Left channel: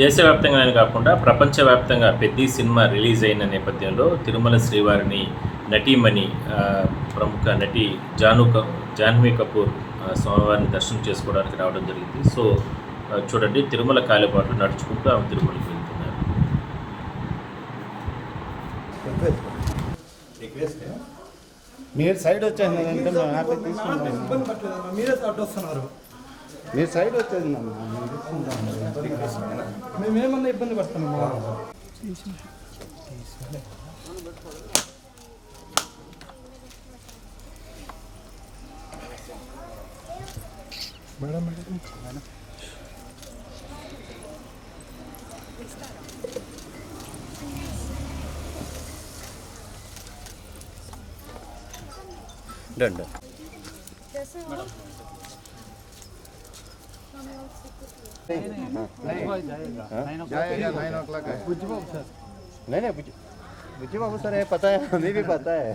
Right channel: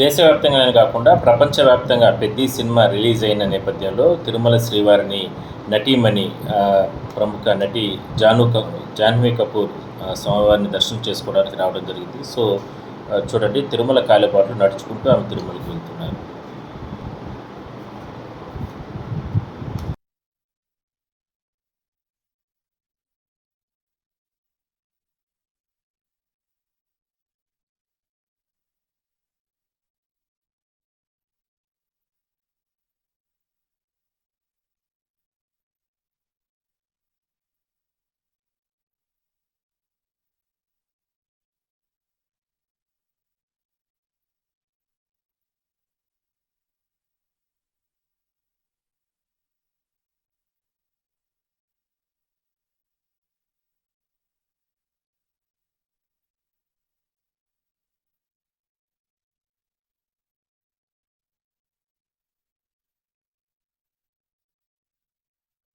దేశవ్యాప్తంగానే కాకుండా ప్రపంచవ్యాప్తంగా పెద్ద సినిమా రిలీజ్ అయిన నేపథ్యంలో తిరుమల శ్రీవారిని నటీమణి ప్రముఖ నటి జాహ్నవి కపూర్ స్వామివారిని దర్శనం చేసుకోవడానికి రావడం జరిగింది. సో చూడండి, తిరుమల కాలిబాటలో నడుచుకుంటూ ఆమె తిరుమలకి వెళ్తున్నారు. మీరు సైడ్ వచ్చేసిందంటే మేము హ్యాపీ తీసుకుంటాం. మీరే అడ్డు వస్తున్నారు. మీరు సైడ్ వచ్చేది మేమేమన్నా ఇబ్బంది పడుతున్నాము. మేడం डन जाएगा 9 o'clock है। नहीं बुज्जी बाबू सर है, पता है, हमें भी पता है।